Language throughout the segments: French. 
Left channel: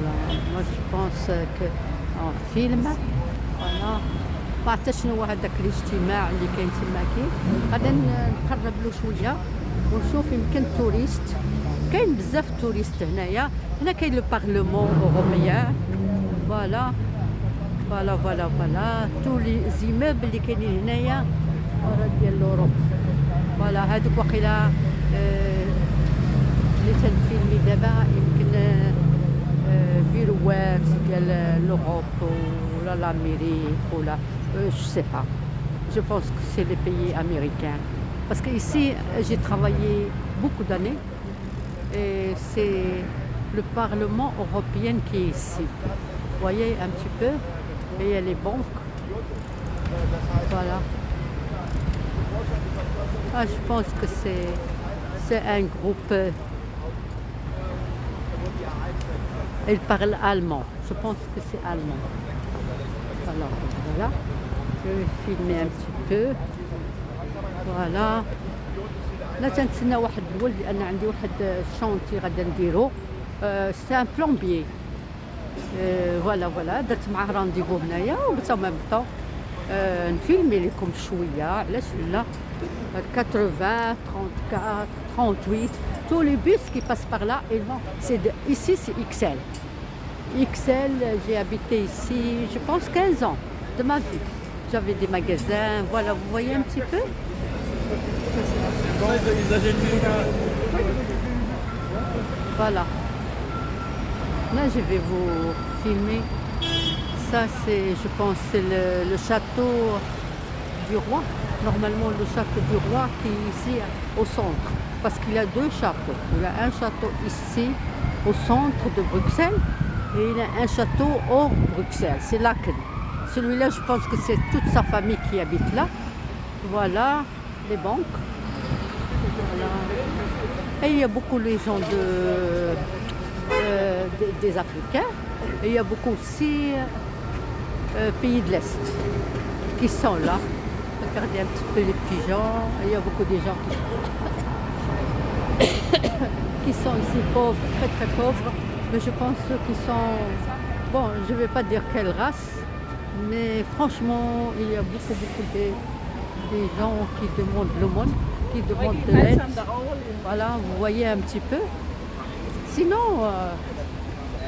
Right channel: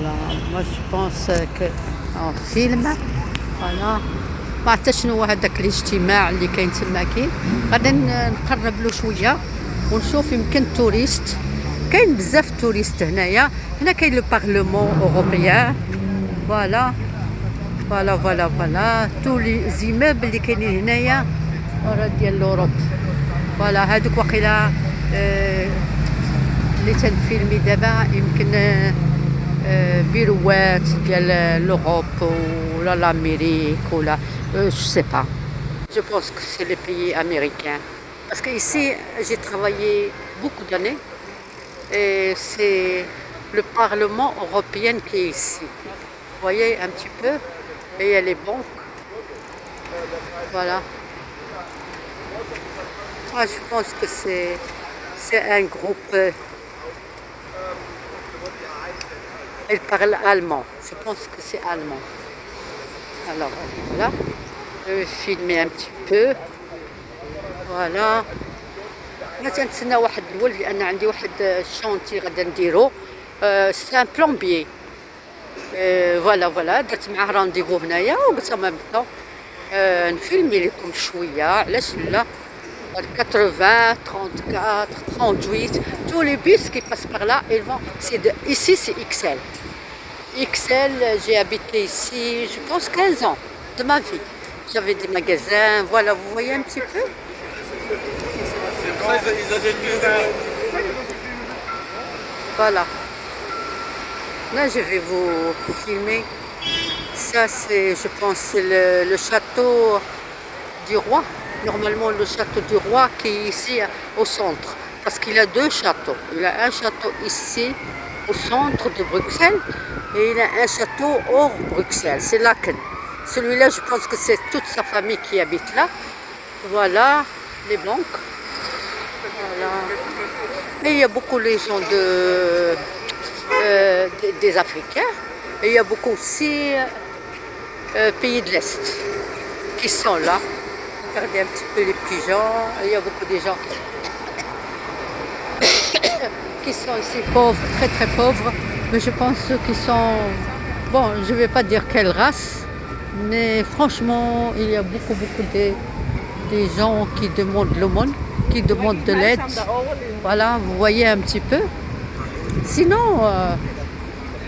Voilà, moi je pense que en film فوالا ما عرفت شنو هو هذاك الاجتماع اللي كاين تماكي غادي نقرب له شويه ونشوف يمكن توريست كاين بزاف توريست هنايا هنا كاين لو بارلمون اوروبيان فوالا فوالا تو لي زيموبل اللي كاينين هنايا راه ديال لوروب فوالا هادوك واقيلا اللي تنفيلمي دابا يمكن بيروات ديال l'Europe ou l'Amérique ou la je sais pas. Je pense que c'est les pays américains. Parce que ici j'ai travaillé beaucoup d'années et c'est le Parlement européen qui est ici. Vous voyez un petit peu et il y a les banques. Voilà. Moi je pense que c'est un groupe. Elle parle allemand. Je pense que c'est allemand. Alors voilà. Je vais filmer un petit peu. Voilà. أنا تنتسنى واحد الولد لأن عندي واحد الشونتي غادا نديرو. سي ان بلومبيي. فوالا درت معاه رانديفو هنايا وقلت ما نبقاو نفيلمي لكم شوية علاش لا. 80, 34, 38, tous les bus qui passent par là, ils vont. Ici, c'est XL. XL, j'ai habité ici, je pense, 15 ans de ma vie. J'avais des magasins, voilà, vous voyez un petit peu. Voilà. Là, je vais vous filmer. Ça, c'est, je pense, c'est le château du roi. Normalement le château du roi qui est ici au centre, parce qu'il a deux châteaux. Il a un château ici au centre de Bruxelles et il a un château hors Bruxelles, c'est Laken. Celui-là, je pense que c'est toute sa famille qui habite là. Voilà les banques. Voilà. Et il y a beaucoup les gens des Africains et il y a beaucoup aussi pays de l'Est qui sont là. Regardez un petit peu les pigeons, il y a beaucoup de gens qui sont ici pauvres, très très pauvres, mais je pense qu'ils sont, bon, je ne vais pas dire quelle race, mais franchement, il y a beaucoup des gens qui demandent l'aumône, qui demandent de l'aide. Voilà, vous voyez un petit peu. Sinon,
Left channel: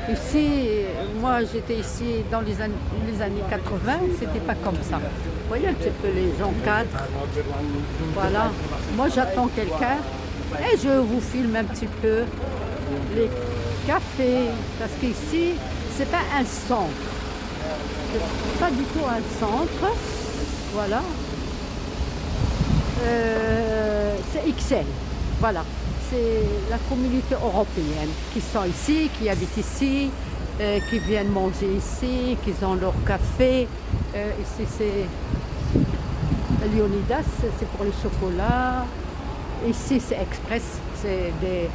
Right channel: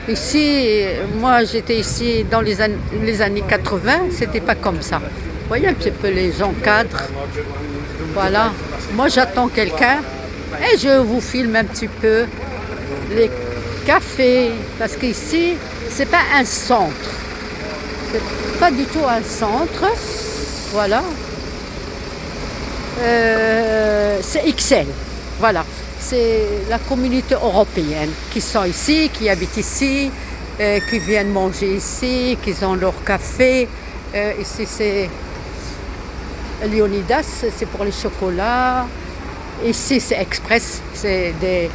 ici, moi j'étais ici dans les années 80, c'était pas comme ça. Vous voyez un petit peu les gens cadres. Voilà. Moi j'attends quelqu'un et je vous filme un petit peu les cafés. Parce qu'ici, c'est pas un centre. C'est pas du tout un centre. Voilà. C'est XL. Voilà. C'est la communauté européenne qui sont ici, qui habitent ici, qui viennent manger ici, qui ont leur café. Ici c'est Leonidas, c'est pour les chocolats. Ici c'est Express, c'est des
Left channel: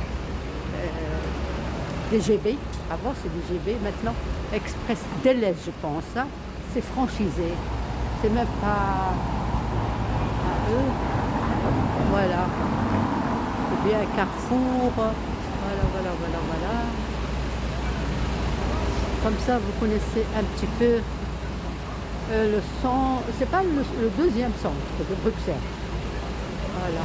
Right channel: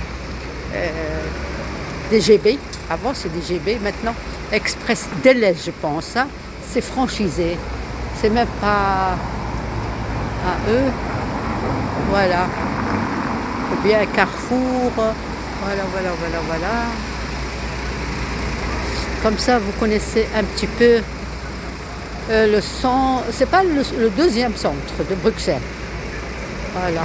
GB. Avant c'est des GB, maintenant Express Deleuze je pense. Hein. C'est franchisé, c'est même pas à eux. Voilà. Ou bien Carrefour. Voilà. Comme ça vous connaissez un petit peu le centre, c'est pas le deuxième centre de Bruxelles. Voilà.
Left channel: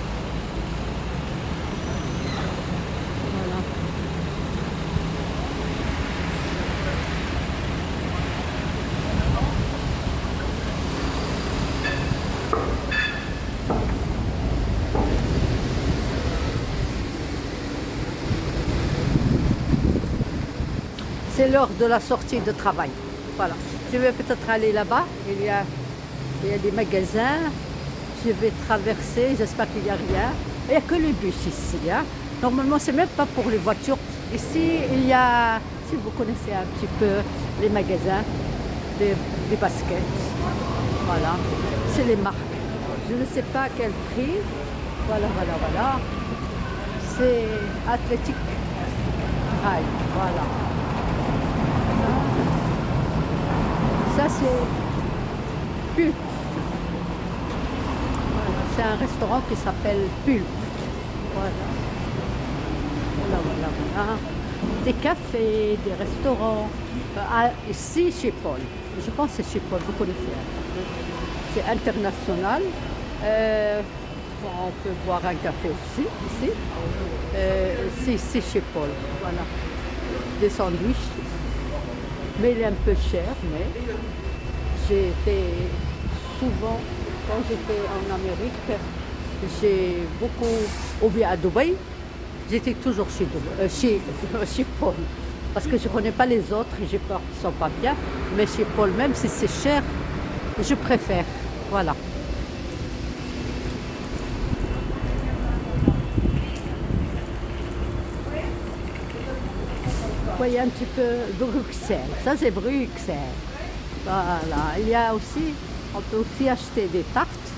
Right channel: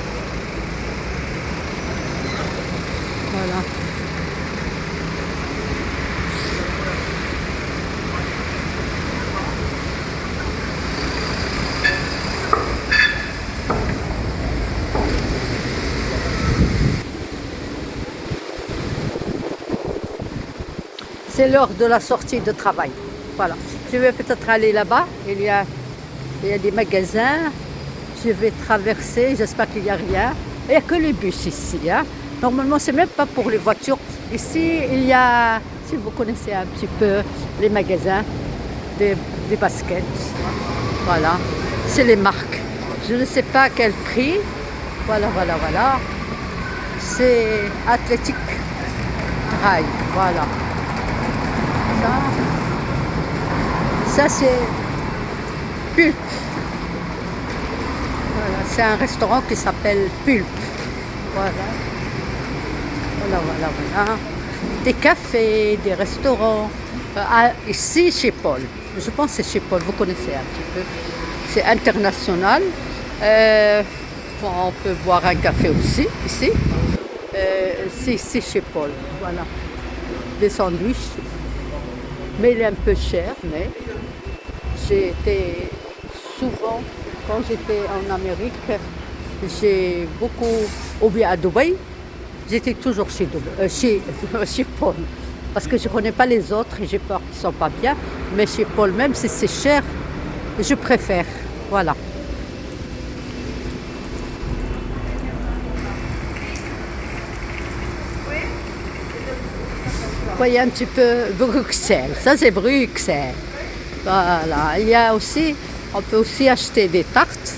C'est l'heure de la sortie de travail. Voilà. Je vais peut-être aller là-bas. Il y a des magasins. Je vais traverser. J'espère qu'il n'y a rien. Il n'y a que les bus ici. Hein. Normalement, c'est même pas pour les voitures. Ici, il y a, si vous connaissez un petit peu les magasins, des baskets. Voilà. C'est les marques. Je ne sais pas quel prix. Voilà. C'est Athletic Drive. Voilà. Ça c'est Pulp. Voilà, c'est un restaurant qui s'appelle Pulp. Voilà. des cafés, des restaurants. Ici, chez Paul. Je pense que c'est chez Paul, vous connaissez un petit peu. C'est international. Bon, on peut boire un café aussi, ici. C'est chez Paul, voilà. Des sandwichs. Mais il est un peu cher, mais j'ai été souvent, quand j'étais en Amérique, j'ai beaucoup, ou bien à Dubaï, j'étais toujours chez Paul. Parce que je ne connais pas les autres et j'ai peur qu'ils ne sont pas bien. Mais chez Paul, même si c'est cher, je préfère. Voilà. Vous voyez un petit peu Bruxelles. Ça, c'est Bruxelles. Voilà. Il y a aussi, on peut aussi acheter des tartes,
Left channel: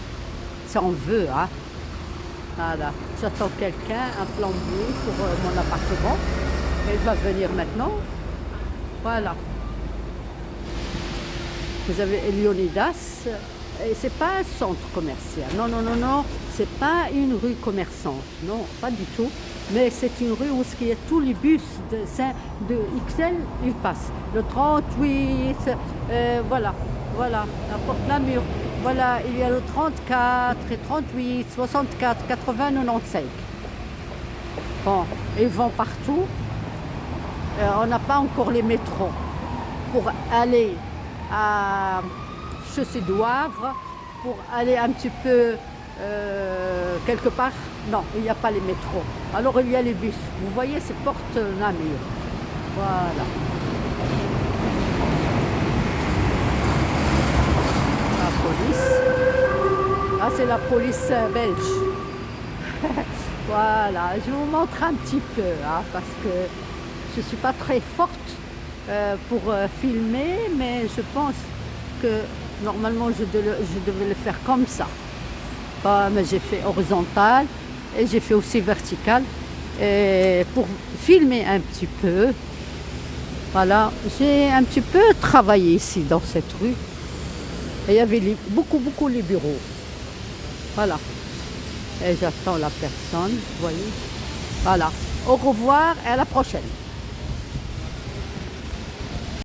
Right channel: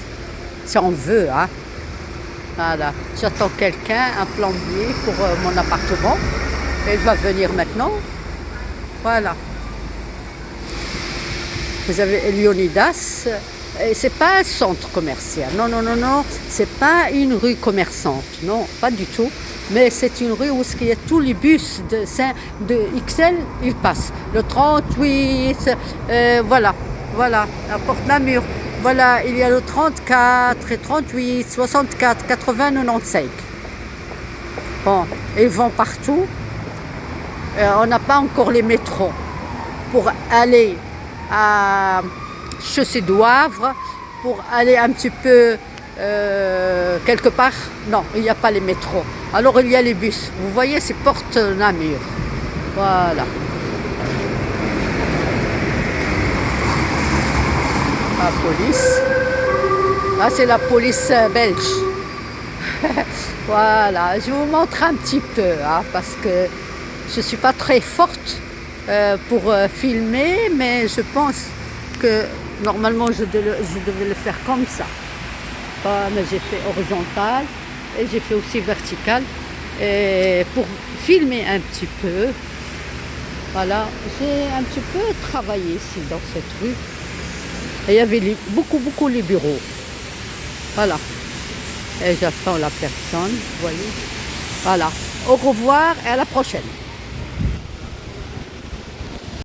si on veut. Hein. Voilà. J'attends quelqu'un, un plombier pour mon appartement. Il va venir maintenant. Voilà. Vous avez Leonidas. Et c'est pas un centre commercial. Non, non, non, non. C'est pas une rue commerçante. Non, pas du tout. Mais c'est une rue où il y a tous les bus de XL, ils passent. Le 38, voilà, voilà, la porte Namur. Voilà, il y a le 34, et 38, 64, 80, 95. Bon, ils vont partout. On n'a pas encore les métros pour aller à Chaussée du Havre, pour aller un petit peu quelque part. Non, il n'y a pas les métros. Alors il y a les bus. Vous voyez, c'est porte Namur. Voilà. La police. Là, c'est la police belge. Voilà, je vous montre un petit peu, hein, parce que je ne suis pas très forte pour filmer, mais je pense que normalement je devais le faire comme ça. Mais j'ai fait horizontal et j'ai fait aussi vertical. Et pour filmer un petit peu, voilà, j'ai un petit peu travaillé ici dans cette rue. Et il y avait beaucoup les bureaux. Voilà. Et j'attends la personne, vous voyez. Voilà. Au revoir et à la prochaine.